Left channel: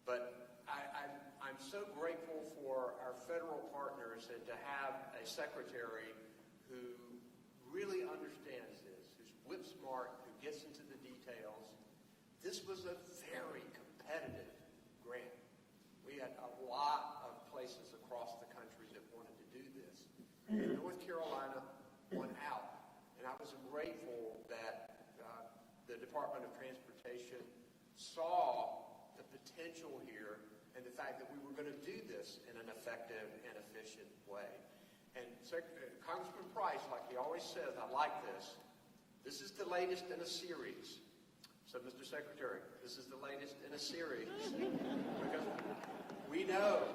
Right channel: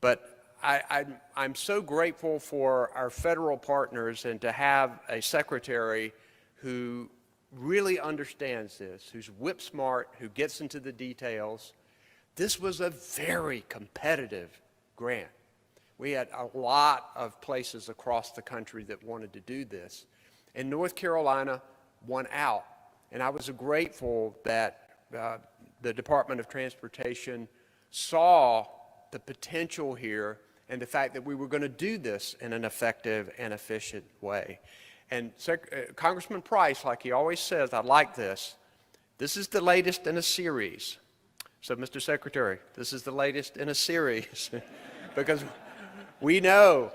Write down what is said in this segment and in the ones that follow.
But I'm so grateful for our federal partners and to have a secretary who really understands this, who's whip smart, who gets into the details. This was a very competitive grant. We had a lot of places across the country that wanted to do this. And North Carolina won out. And I was grateful that the Department of Transportation saw the potential here and the fact that we were going to do this in an effective and efficient way. And Congressman Price, like he always says, I like this. This is the latest in a series. So, Mr. Secretary, this is the latest in a series because we know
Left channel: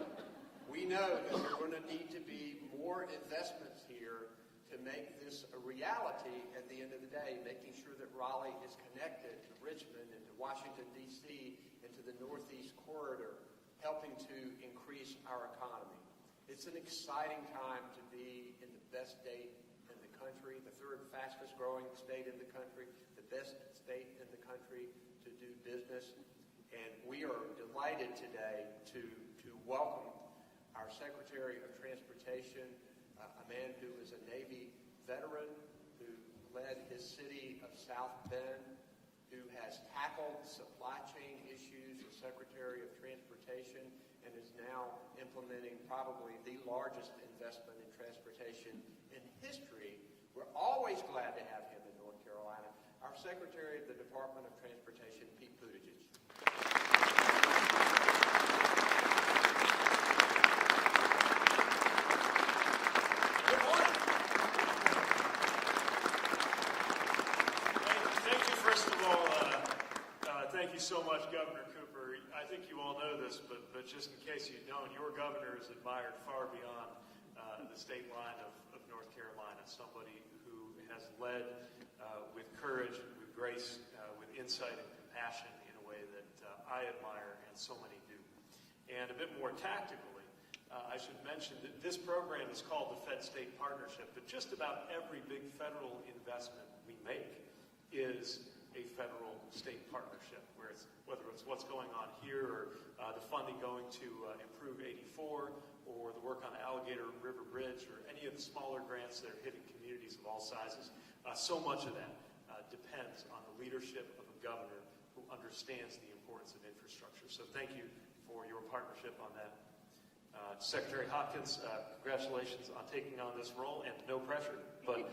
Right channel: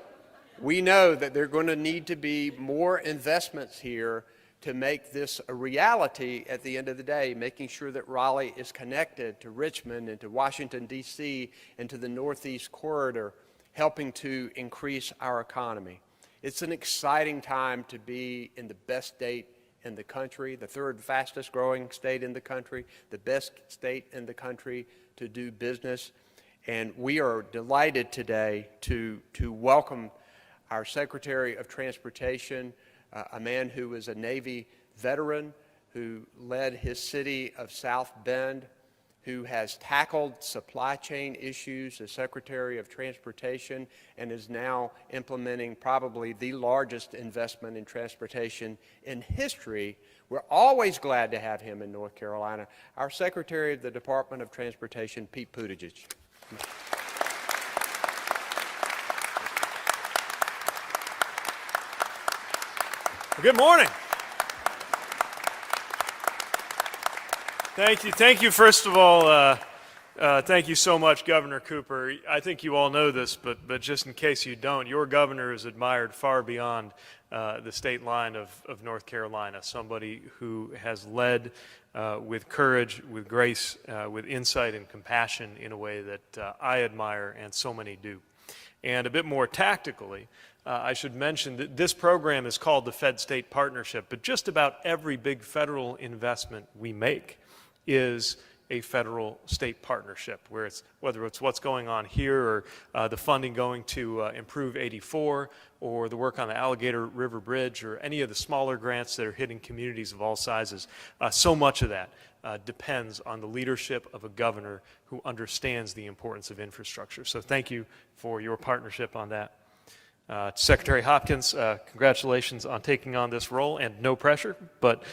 that there are going to need to be more investments here to make this a reality at the end of the day, making sure that Raleigh is connected to Richmond and to Washington, D.C., and to the Northeast Corridor, helping to increase our economy. It's an exciting time to be in the best state in the country, the third fastest growing state in the country, the best state in the country to do business. And we are delighted today to welcome our Secretary of Transportation, a man who was a Navy veteran, who led his city of South Bend, who has tackled supply chain issues as Secretary of Transportation and is now implementing probably the largest investment in transportation in history. We're always glad to have him in North Carolina. Our Secretary of the Department of Transportation, Pete Buttigieg. Good morning. Thank you. Thank you, first of all, thank you so much, Governor Cooper. I think you all know this, but just in case you don't, your governor is admired far beyond the state line of North Carolina, somebody who has led with courage, with grace, with insight and compassion in a way that I admire and so many do. And a bit more tactically, I should mention that this program is called the Fed-State Partnership, but just about every big federal investment we make is a federal-state partnership, whether it's what's going on here or the funding going to improve 84 or the work on the Alligator River Bridge or any of the smaller grants that are hitting communities of all sizes. So much of that depends on the leadership of a governor who understands the importance of infrastructure. So thank you for your partnership on that. Secretary Hopkins, congratulations on taking on this role, and no pressure, but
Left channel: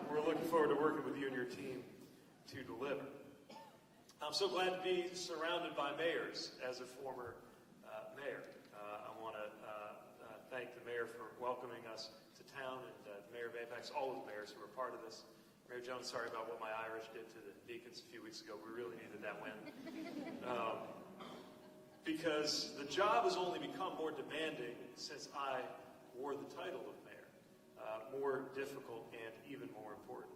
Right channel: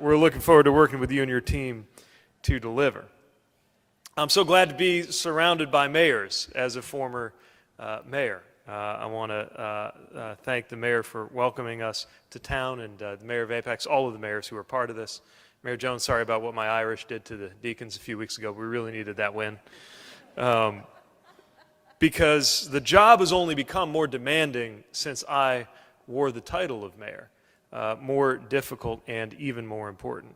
we're looking forward to working with you and your team to deliver. I'm so glad to be surrounded by mayors as a former mayor. I want to thank the mayor for welcoming us to town, and the mayor of Apex, all of the mayors who are part of this. Mayor Jones, sorry about what my Irish did to the Deacons a few weeks ago. We really needed that win. Because the job has only become more demanding since I wore the title of mayor, more difficult and even more important.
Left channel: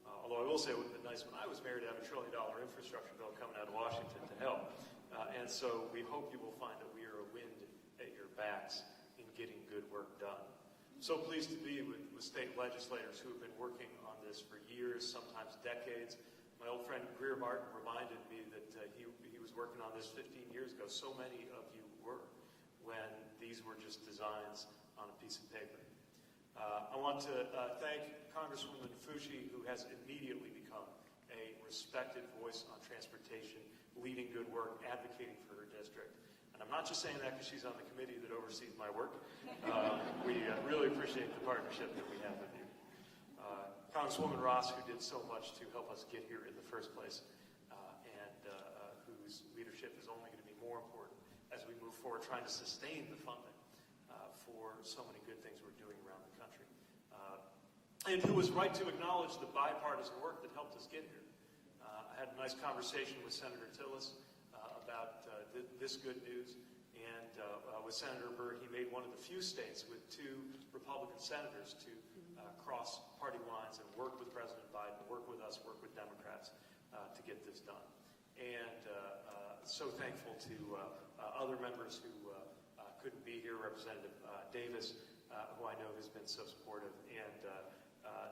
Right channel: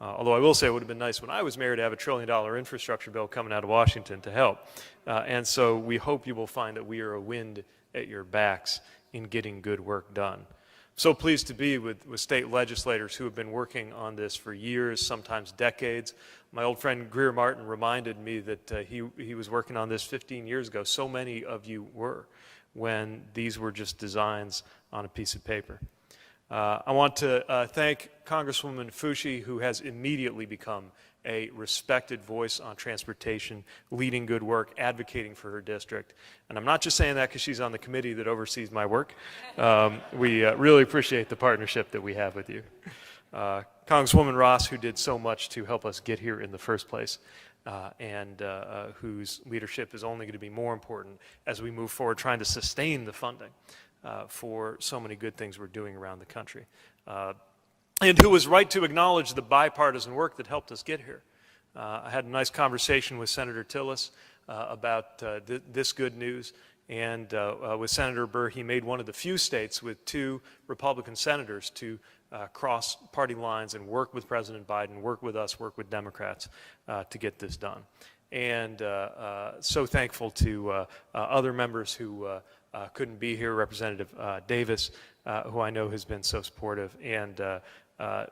Although I will say it would have been nice when I was mayor to have $1 trillion infrastructure bill coming out of Washington to help. And so we hope you will find that we are a wind at your backs in getting good work done. So pleased to be with state legislators who have been working on this for years, sometimes decades. My old friend Greer Martin reminded me that he was working on this 15 years ago. So many of you were, when these were just designs on a piece of paper. I want to thank Congresswoman Fucci, who has immediately become a respected voice on transportation, leading good work, advocating for her district. And I'm not just saying that because she's on the committee that oversees my work. We really appreciate the partnership that we have with you. Congresswoman Ross, who did so much to help us get here in the first place, and whose leadership is only going to be more important as we move forward trying to sustain the funding for so many good things we're doing around the country. And who was right to acknowledge the bipartisan work that helped us get here. I had a nice conversation with Senator Tillis about this good news, and with Senator Burr, he made one of the few states with 2 Republican senators to cross party lines and work with President Biden, work with us, work with Democrats to get this done. And so thankful to other members who couldn't be here, Representative Davis, who I know has been so supportive, and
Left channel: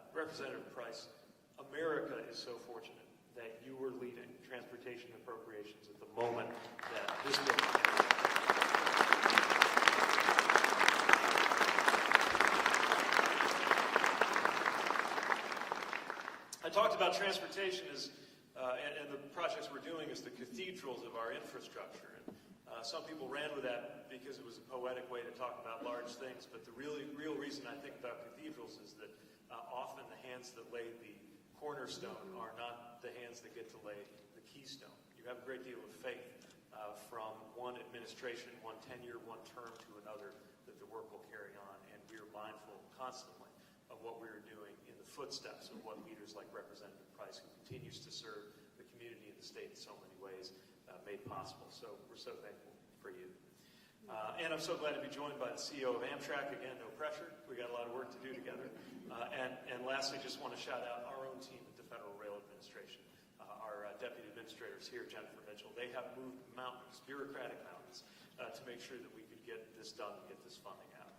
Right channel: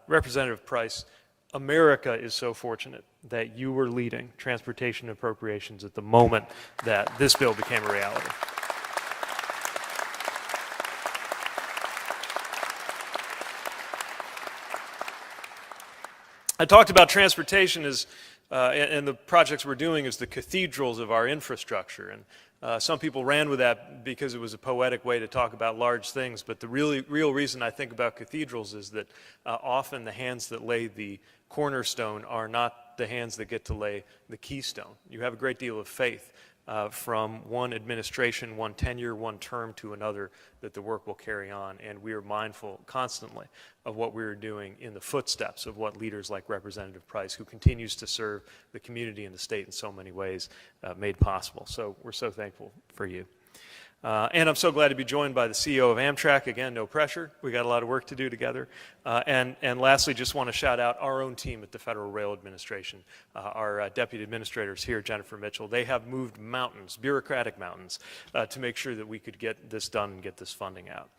Representative Price, America is so fortunate that you were leading transportation appropriations at the moment that this bill became a reality. I talked about transportation as, and the projects we're doing as the cathedrals of our infrastructure. And some people ran with that because it was a poetic way to talk about large things. But the real reason I think about cathedrals is that often the hands that lay the cornerstone are not the hands that get to lay the keystone. You have a great deal of faith from one administration, one tenure, one term to another that the work will carry on. And we are mindful constantly of what we're doing in the footsteps of what leaders like Representative Price, who continues to serve the community and the state in so many ways, made possible. So we're so thankful for you. And I'm so glad to be joined by the CEO of Amtrak. Again, no pressure. We got a lot of work to do together. And lastly, just want to shout out our own team at the Federal Rail Administration. Our deputy administrators here, Jennifer Mitchell, they have moved mountains, bureaucratic mountains, to make sure that we could get this done and get this funding out.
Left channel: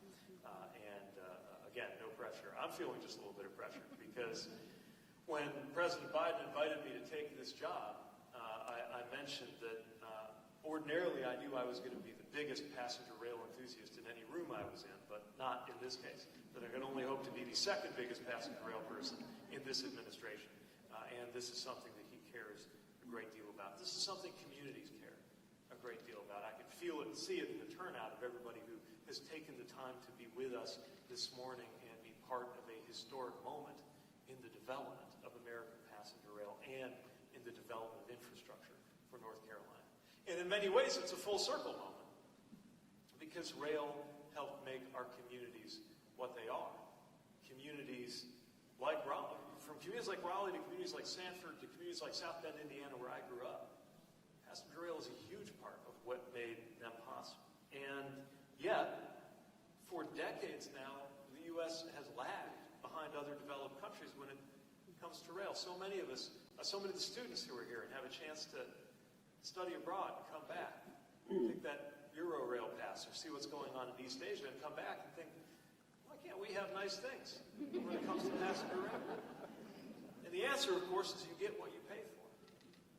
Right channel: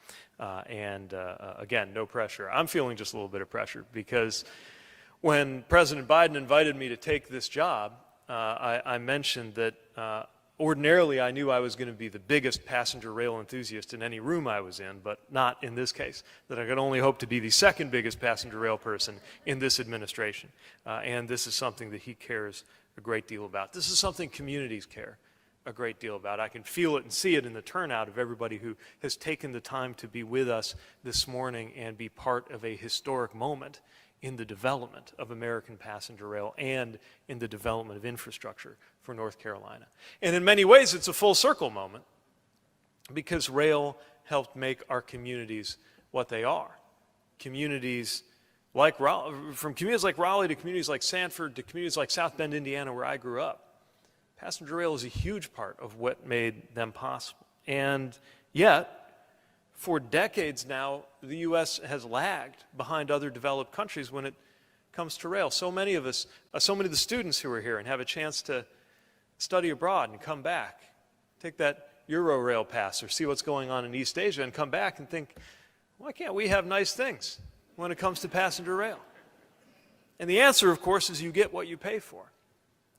Again, no pressure. I'm feeling just a little bit of pressure because when President Biden invited me to take this job, I mentioned that ordinarily, I knew I was going to be the biggest passenger rail enthusiast in any room I was in, but not in this case, that I could only hope to be the second biggest passenger rail person in this administration. And this is something that he cares a great deal about. This is something communities care a great deal about. I can feel it and see it in the turnout of everybody who has taken the time to be with us this morning and be part of a historic moment in the development of American passenger rail and in the development of infrastructure for North Carolina. And in many ways, it's a full circle moment because rail helped make our communities what they are. Communities like Raleigh, from communities like Raleigh to communities like Sanford to communities like South Bend, Indiana, where I grew up. Passenger rail is a huge part of what made them possible. And yet, for decades now, the U.S. has lagged behind other developed countries when it comes to rail. So many of us, so many of the students who are here and have a chance to study abroad and come back, take that Euro-rail pass or see what's going on in East Asia and come back and think, why can't we have nice things when it comes to passenger rail? And the answer, of course, is you get what you pay for.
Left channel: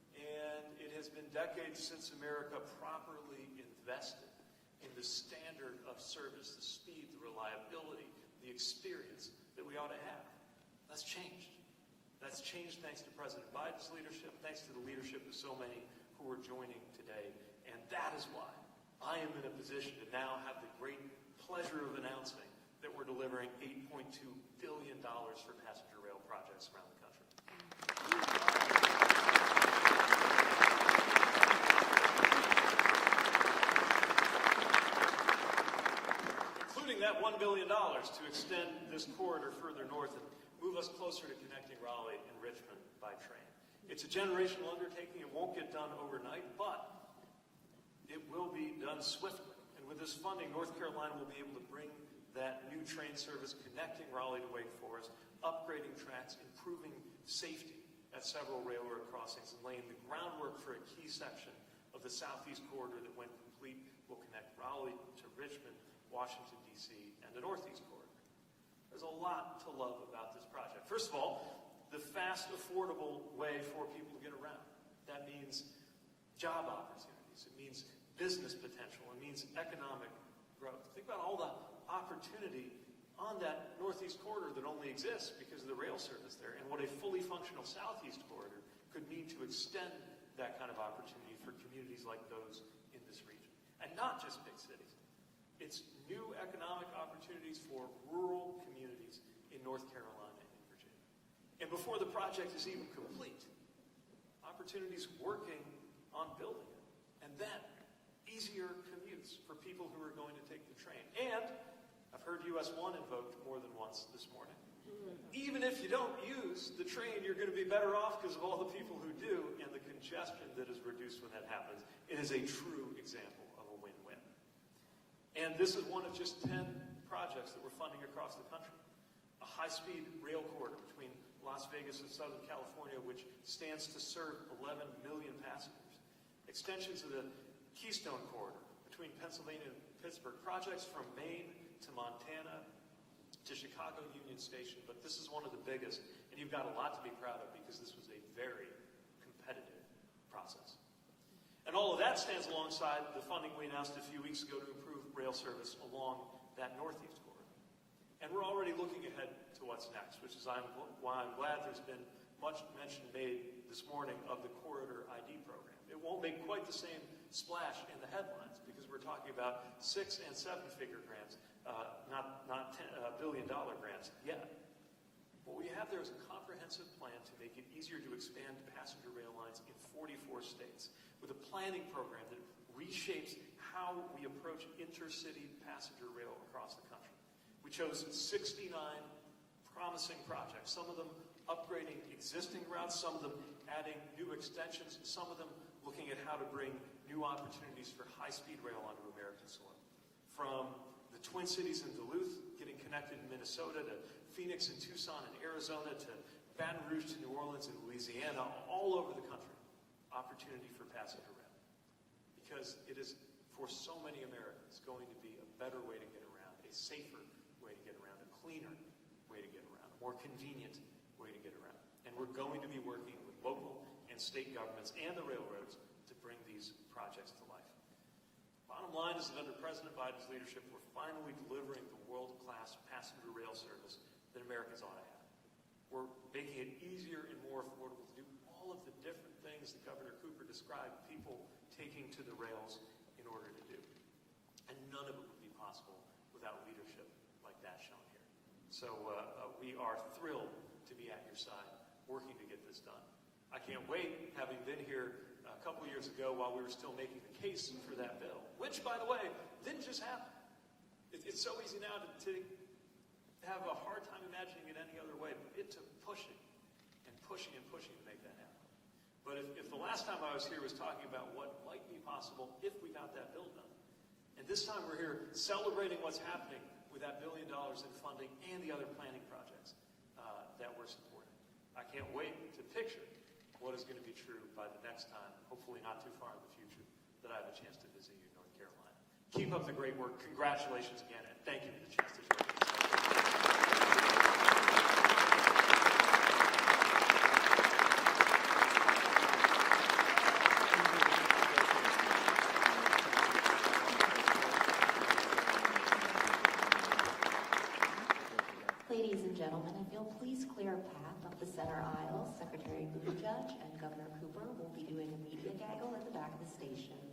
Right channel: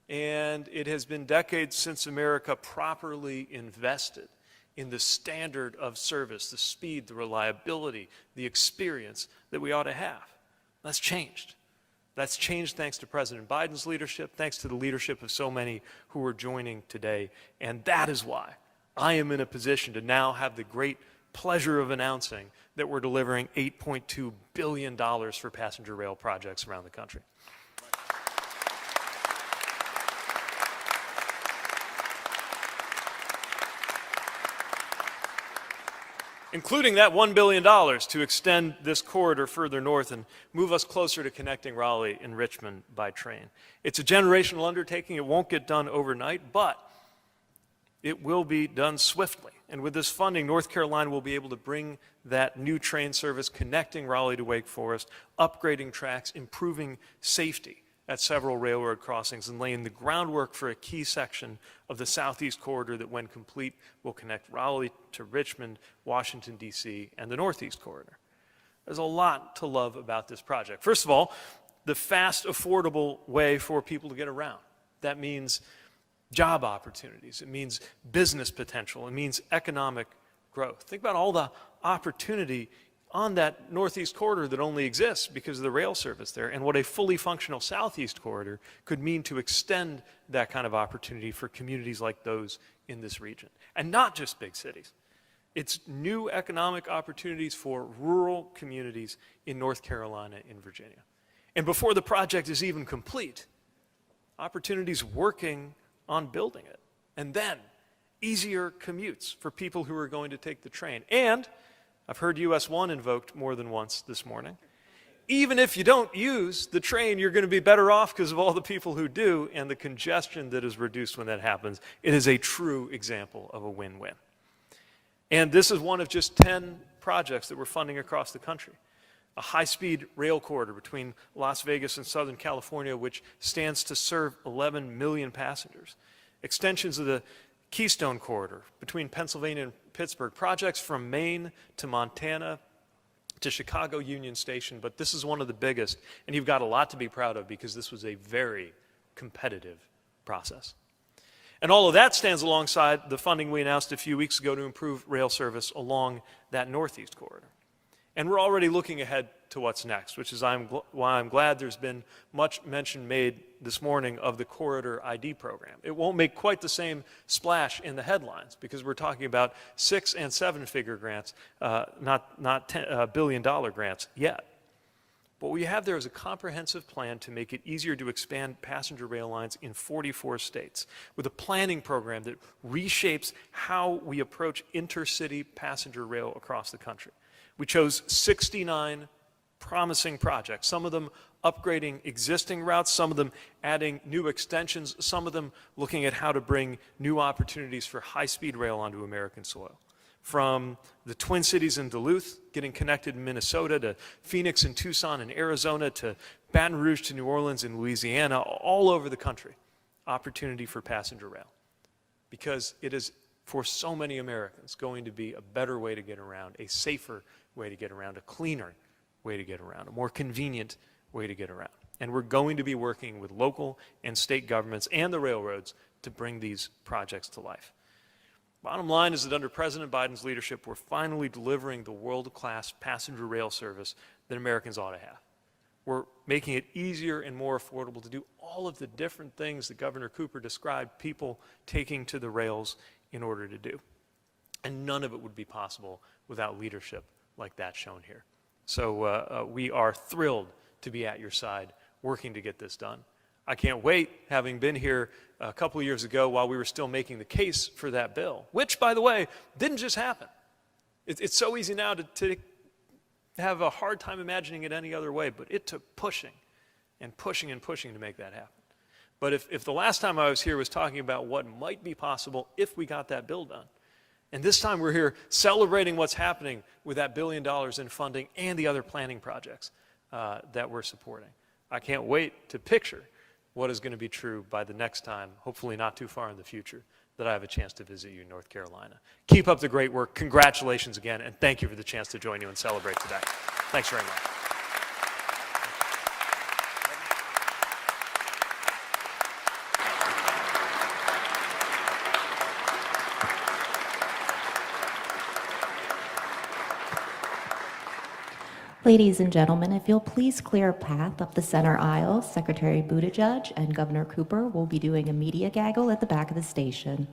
And it has been decades since America properly invested in the standard of service, the speed, the reliability, the experience that we ought to have. That's changed. That's changed thanks to President Biden's leadership, thanks to the leadership of so many who are joining today. And that is why I am in a position to now have the great pleasure of announcing that we're delivering $8.2 billion for passenger rail projects around the country. Including that $1 billion to extend this corridor further north and move us closer to connecting Raleigh and Richmond by train. It's a generational undertaking. It won't get done overnight, but it will be done swiftly. And with this funding, North Carolina will be able to bring that new train service connecting Raleigh to Wake Forest, upgrading tracks, improving safety at several railroad crossings, and laying the groundwork for a key section of the Southeast Corridor that, when complete, will connect Raleigh to Richmond, Washington, D.C., and the Northeast Corridor. There's a lot to love about this project. First of all, the fast, affordable way for people to get around. That means job opportunities. It means business potential. It means economic growth. Think about all the opportunity on that Northeast Corridor that only exists because of the rail service there, and what a fully functional Southeast Corridor could mean to extend that kind of opportunity for communities like those in this region. And not just big cities. It's new economic opportunities for rural communities in North Carolina and Virginia. And before the project is even complete, opportunities working on building it. And then easier commutes for people who are going to take the train. And I've heard US 1 invoked more than once this morning. Even if you don't use the train, you're going to be better off because of all the people who do and the congestion that is reduced when that happens. It is a true example of a win-win. And this is one of just 10 projects that we're funding across the country. A high-speed rail corridor between Las Vegas and Southern California, which stands to serve 11 million passengers. Extensions of the Keystone Corridor between Pennsylvania and Pittsburgh. Projects from Maine to Montana, to Chicago Union Station, but this is one of the biggest, and you've got a lot to be proud of because this was a very competitive process. And all of that stands alongside the funding we announced a few weeks ago to improve rail service along that Northeast corridor. And we're already looking ahead to what's next, which is why I'm glad there's been much mention made this morning of the Corridor ID program. It won't make quite the same splash in the headlines because we're talking about 6- and 7-figure grants, not billion-dollar grants yet. What we have there is a comprehensive plan to make it easier to expand passenger rail lines in 44 states, with a planning program that reshapes how we approach intercity passenger rail across the country. We chose 69 promising projects, some of them upgrading existing routes, some of them adding new extensions, some of them looking at how to bring new opportunities for high-speed rail onto American soil. From the Twin Cities in Duluth, getting connected in Minnesota, to Phoenix and Tucson in Arizona, to Baton Rouge to New Orleans in Louisiana, all over the country, opportunity for passenger rail. Because it is, for so many Americans, going to be a better way to get around, a safer way to get around, a cleaner way to get around, a more convenient way to get around. And we're going to be working with local and state governments and the railroads to bring these projects to life. Bottom line is that under President Biden's leadership, we're finally delivering the world-class passenger rail service that Americans ought to have. We're making it easier and more affordable to do all of the different things that Governor Cooper described people taking to the rails in order to do. And none of it would be possible without leadership like that shown here. So we are thrilled to be at your side working to get this done. I can't wait, having been here a couple of years ago while we were still making the case for that bill, which, by the way, didn't just happen. It's so easy now to have a hard time imagining it any other way, but it took pushing and pushing and pushing to make that happen. But if the last time I was here was talking about what might be possible if we got that bill done, and this time we're here celebrating what's happening with that $1 billion in funding and the other planning projects that we're supporting. I can't wait to picture what is going to be true by the next time, hopefully not too far in the future, that I have a chance to visit you in North Carolina. Keep up the great work. Congratulations again, and thank you for the chance to join you and celebrate tonight. Thanks very much. Ladies and gentlemen, if you'll please clear a path up the center aisle, Secretary Buttigieg and Governor Cooper will be doing a media gaggle at the back of the station.